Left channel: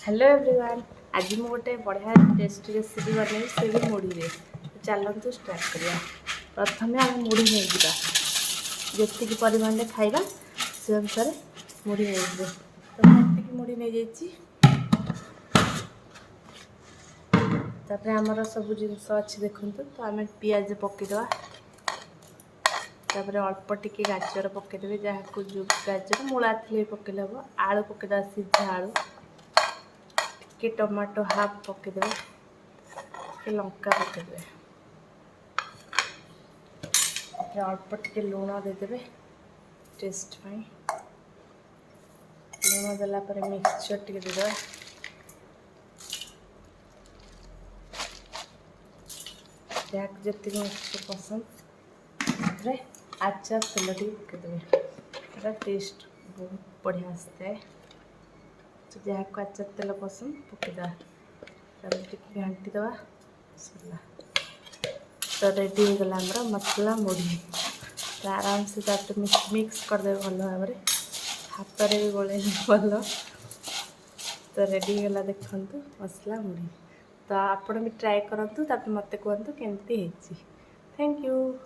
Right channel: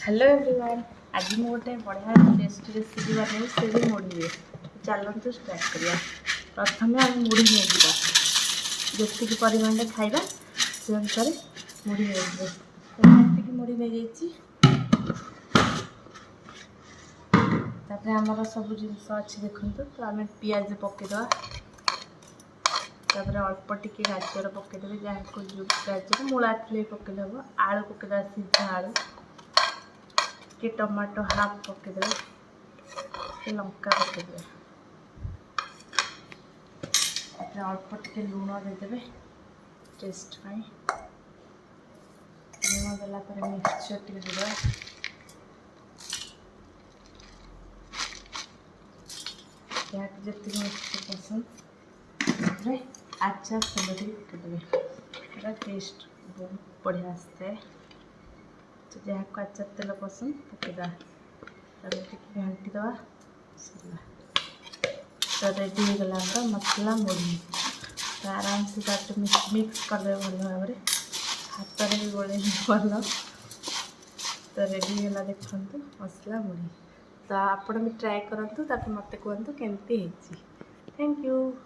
Hello everyone. आज मु गोटे बढ़िया टेस्टी रेसिपी बनई से भी मुढ़ी रे। चलतु स्टार्ट करिया। प्रथम आम मुढ़ी नहीं जा जी परिमाण खाइबा से अनुसार मुढ़ी नहीं तो ये मुढ़ी नहीं जाइए। तापर आमर सब जिनस अच्छी देखु तो आम पियाज पकईदे तापर अल्प टिके गाजर पकईदे जहाँ जो गाजर मूला थी पकईले हम आलू पकईदे सीधा आलू के टमाटो हाफ पकईदे के लंका पकईदे अल्प टिके लुण देदेवे टेस्ट लुण देलापर मिक्सचर टिके देदेवे जहाँ जी मिक्सचर पसंद आचार तेल टे पकईदे टेस्ट बहुत बढ़िया आसता है। तो जहाँ को आचार तेल पसंद पकईदे घाटी दवा तो रेडी हो गला मसला मुढ़ी। तो आराम से मिक्स करदे भल भाव हाथ में भी गोले भल। तो रेडी होगा देखु मसला मुढ़ी। तो आपण भी ट्राए करूँ मत कहतु केमती। Thank you.